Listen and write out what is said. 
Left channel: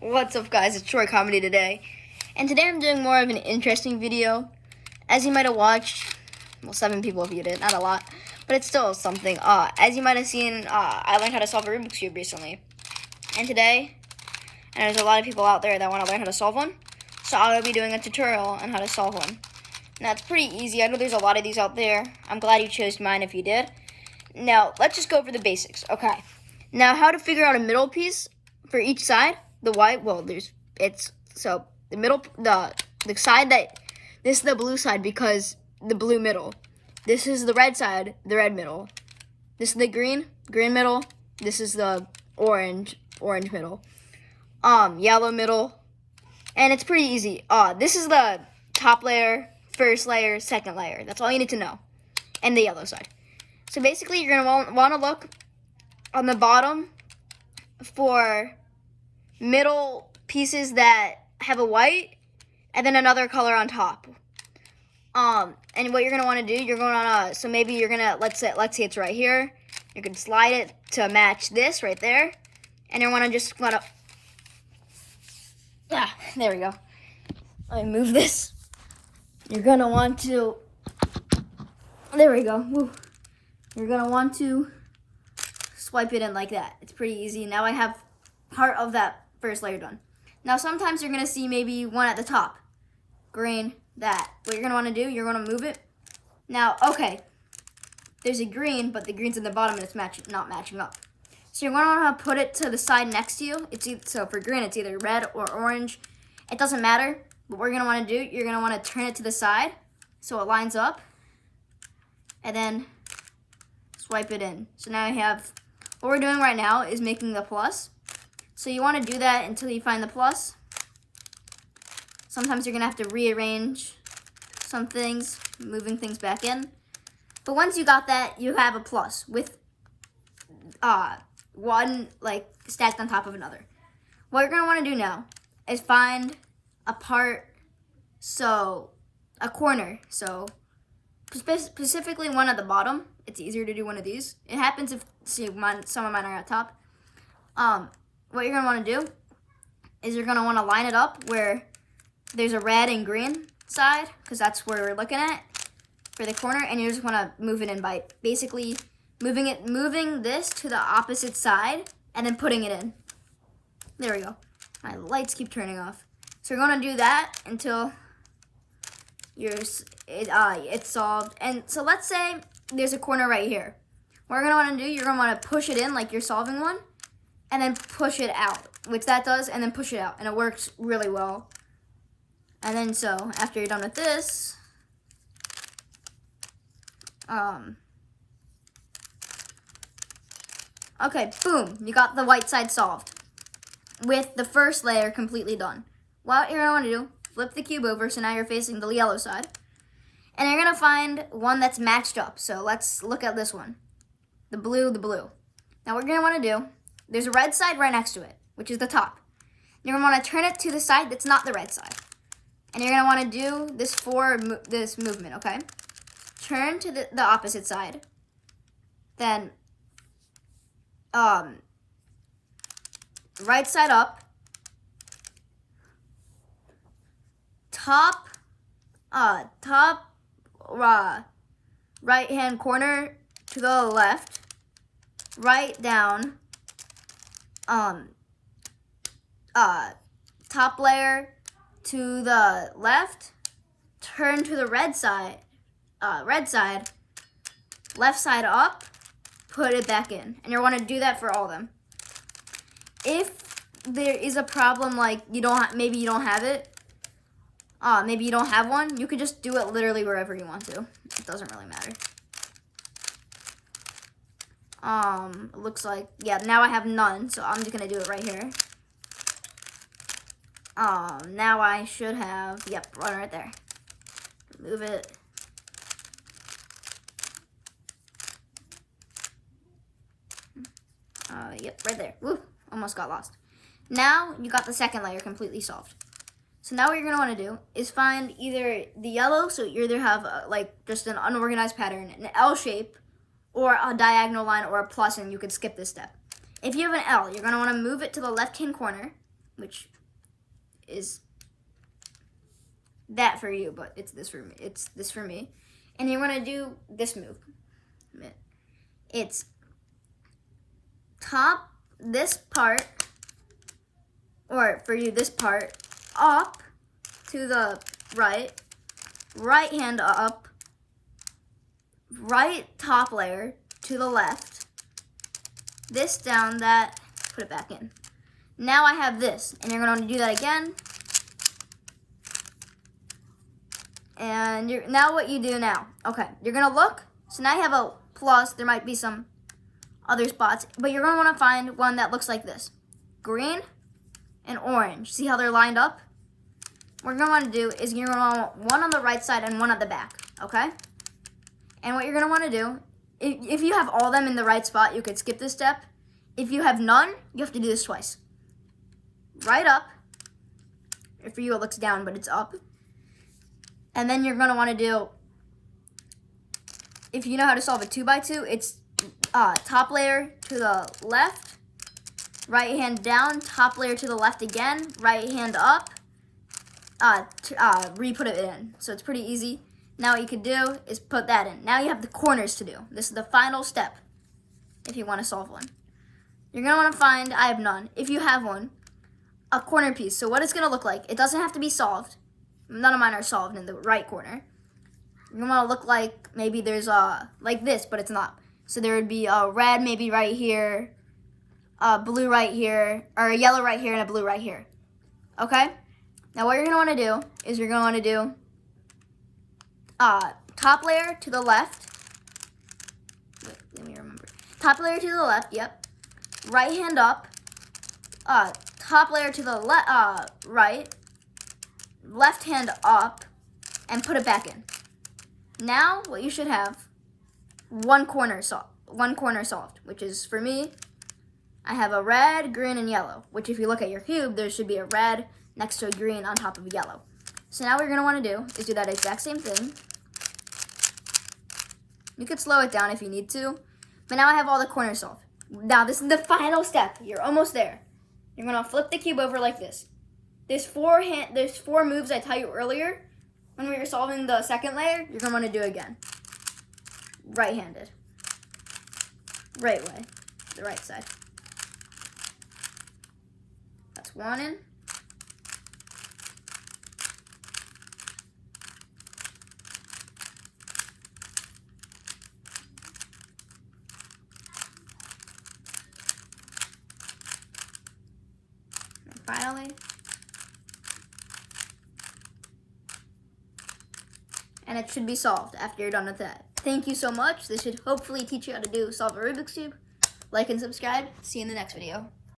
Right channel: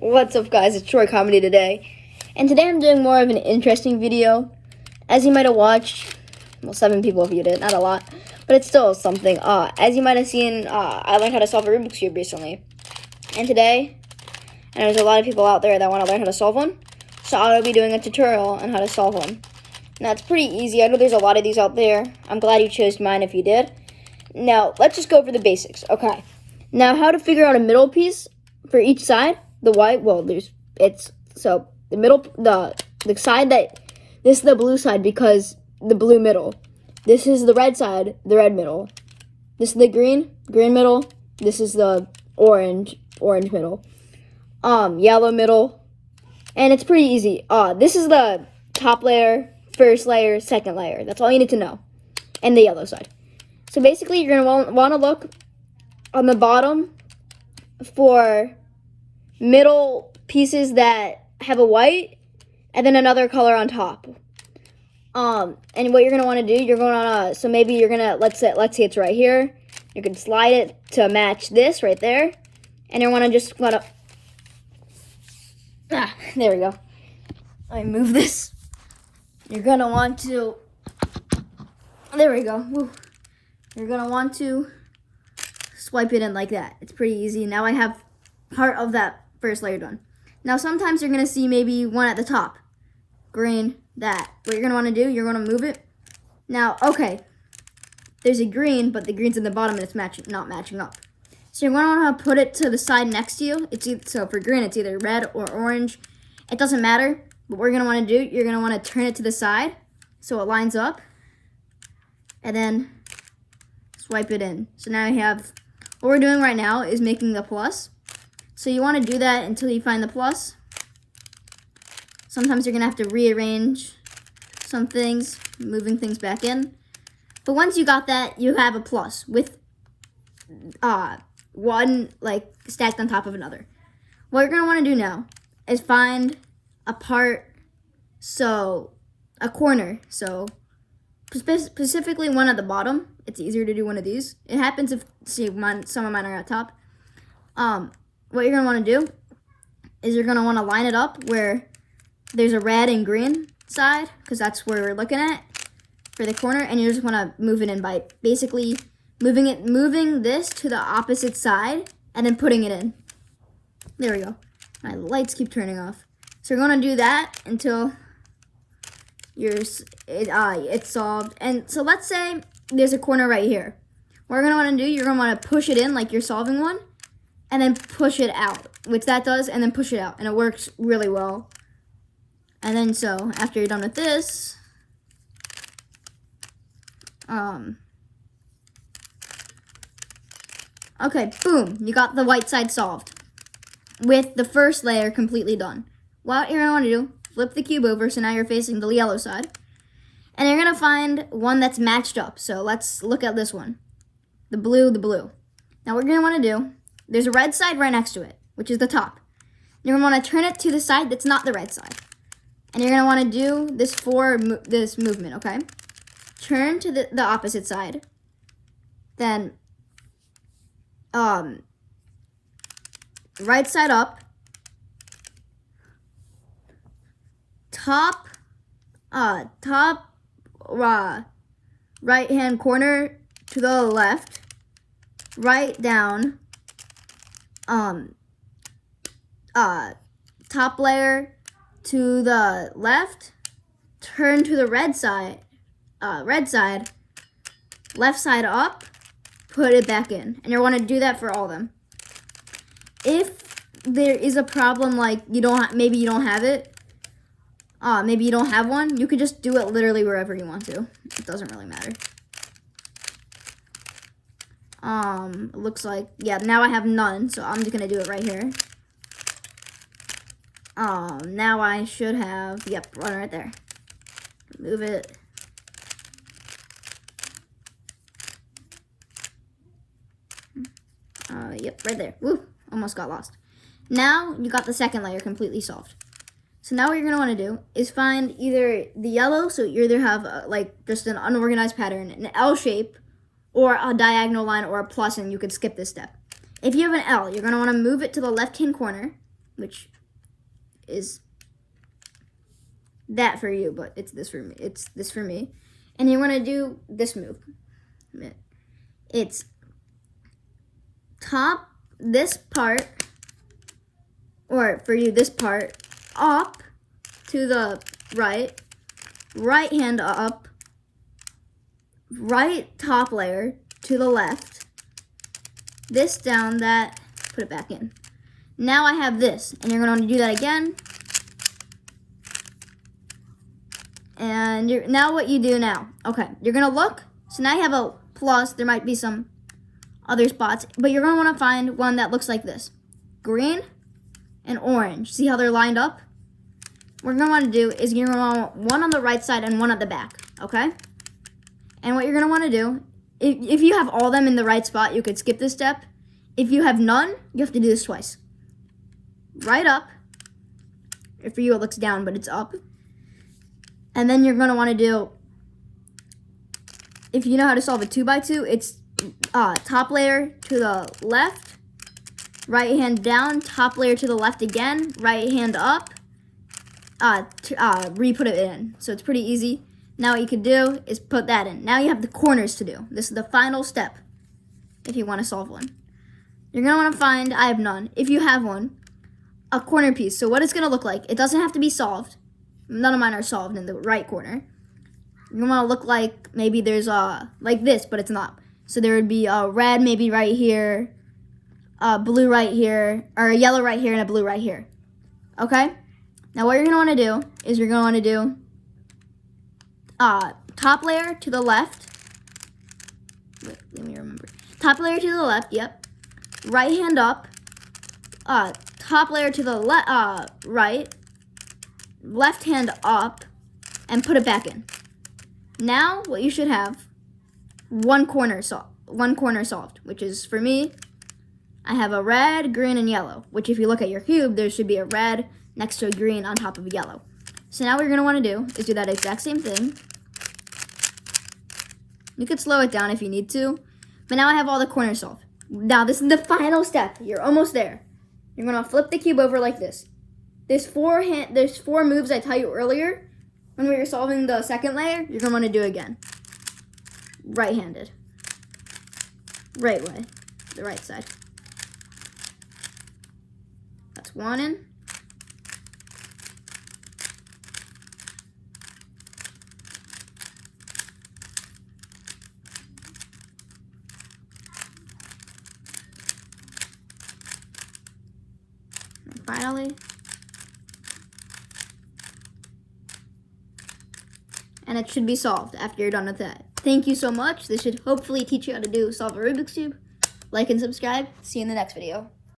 What's up, guys? It's Troy Comedy today, and today I'm doing more of an interesting video. As you might have watched, well, 7 people viewed it, not a lot, but it's still something. As you might have seen, I learned how to solve a Rubik's Cube recently, and today, and there's a lot of people out there that want to learn how to solve one, so I'll be doing a tutorial on how to solve one. Now, it's pretty easy. I know there's a lot of these out there. I'm glad you chose mine if you did. Now, let's just go over the basics. Okay. Now, how to figure out a middle piece for each side. The white, well, the middle, the side that, this is the blue side because the blue middle. This is the red side, the red middle. This is the green middle. This is the orange middle. Yellow middle. And it's pretty easy. This is the top layer, first layer, second layer. That's all you need to know. And the yellow side. So basically, you're going to want to look on the bottom for middle pieces that have a white and then another color on top. And what you're going to want to do, you're going to, so maybe you're going to, let's say it's right here. You can slide it to match this right there. And you want to just there we go. Let me move this. You're going to want to, there we go. Woo. You're going to want to swipe it in like that. It's pretty easy. Now I have part of that first layer done. Now sometimes you're going to see maybe one at the top. Green, that. What you're going to want to do, you're going to move it. Now, okay, there's a green, but the green's in the bottom and it's not matching up. So you're going to want to put it to the side next to you. So for green, it's either red or orange. It doesn't matter. But what you're going to want to do, you're going to want to turn it to the side so it lines up. And then swipe it in. So now you have, what we're doing right now is making the plus. So you want to do that until you find the plus. Sometimes you're going to have to rearrange some things, moving things back in. But once you got that, you have a plus with one like stacked on top of another. What you're going to want to do now is find a part, so a corner. So specifically one at the bottom. It's easier to do one of these. It happens if, see, some of mine are at top. What you're going to want to do is you're going to want to line it up where there's a red and green side, because that's where we're looking at for the corner, and you just want to move it in by basically moving this to the opposite side and then putting it in. There we go. My lights keep turning off. So you're going to do that until it's solved. And so let's say there's a corner right here. What you're going to want to do, you're going to want to push it in like you're solving one, and then push it out, which that does, and then push it out, and it works really well. And then so, after you're done with this, okay, boom, you got the white side solved with the first layer completely done. What you're going to want to do, flip the cube over, so now you're facing the yellow side, and you're going to find one that's matched up. So let's look at this one, the blue. Now what you're going to want to do, there's a red side right next to it, which is the top. You're going to want to turn it to the side that's not the red side. And you're going to want to do this for this movement, okay? Turn to the opposite side. Then, right side up. Top right-hand corner to the left. Right down. Top layer to the left, turn to the red side, left side up, put it back in. And you want to do that for all of them. If there is a problem like maybe you don't have it, maybe you don't have one, you could just do it literally wherever you want to. It doesn't really matter. It looks like, yeah, now I have none, so I'm just going to do it right here. Now I should have, yep, one right there. Move it. Yep, right there. Woo, almost got lost. Now you got the second layer completely solved. So now what you're gonna want to do is find either the yellow, so you either have like just an unorganized pattern, an L shape, or a diagonal line or a plus, and you could skip this step. If you have an L, you're going to want to move it to the left-hand corner, which is that for you, but it's this for me. It's this for me. And you want to do this move. It's top this part, or for you this part, up to the right hand up, right top layer to the left, this down, that, put it back in. Now I have this, and you're going to do that again. And now what you do now, okay, you're going to look. So now you have a plus. There might be some other spots, but you're going to want to find one that looks like this. Green and orange. See how they're lined up? What you're going to want to do is you're going to want one on the right side and one at the back, okay? And what you're going to want to do, if you have all of them in the right spot, you could skip this step. If you have none, you have to do this twice. Right up. For you, it looks down, but it's up. And then you're going to want to do, if you know how to solve a 2x2, it's top layer to the left, right hand down, top layer to the left again, right hand up, re-put it in. So it's pretty easy. Now what you could do is put that in. Now you have the corners to do. This is the final step if you want to solve one. You're going to want to find, I have none, if you have one, a corner piece. So what it's going to look like, it doesn't have to be solved. None of mine are solved in the right corner. You're going to want to look like maybe there's like this, but it's not. So there would be a red maybe right here, a blue right here, or a yellow right here, and a blue right here. Okay? Now what you're going to want to do is you're going to want to do top layer to the left. Wait, let me remember. Top layer to the left, yep. Right hand up. Top layer to the right. Left hand up, and put it back in. Now what you should have, one corner solved, which is for me, I have a red, green, and yellow, which if you look at your cube, there should be a red next to a green on top of a yellow. So now what you're going to want to do is do that exact same thing. You could slow it down if you need to, but now I have all the corners solved. Now this is the final step. You're almost there. You're going to flip the cube over like this. There's four moves I taught you earlier. When we were solving the second layer, you're going to want to do again. Right-handed. Right way. The right side. That's one in. And finally, and it should be solved after you're done with that. Thank you so much. This should hopefully teach you how to solve a Rubik's Cube. Like and subscribe. See you in the next video.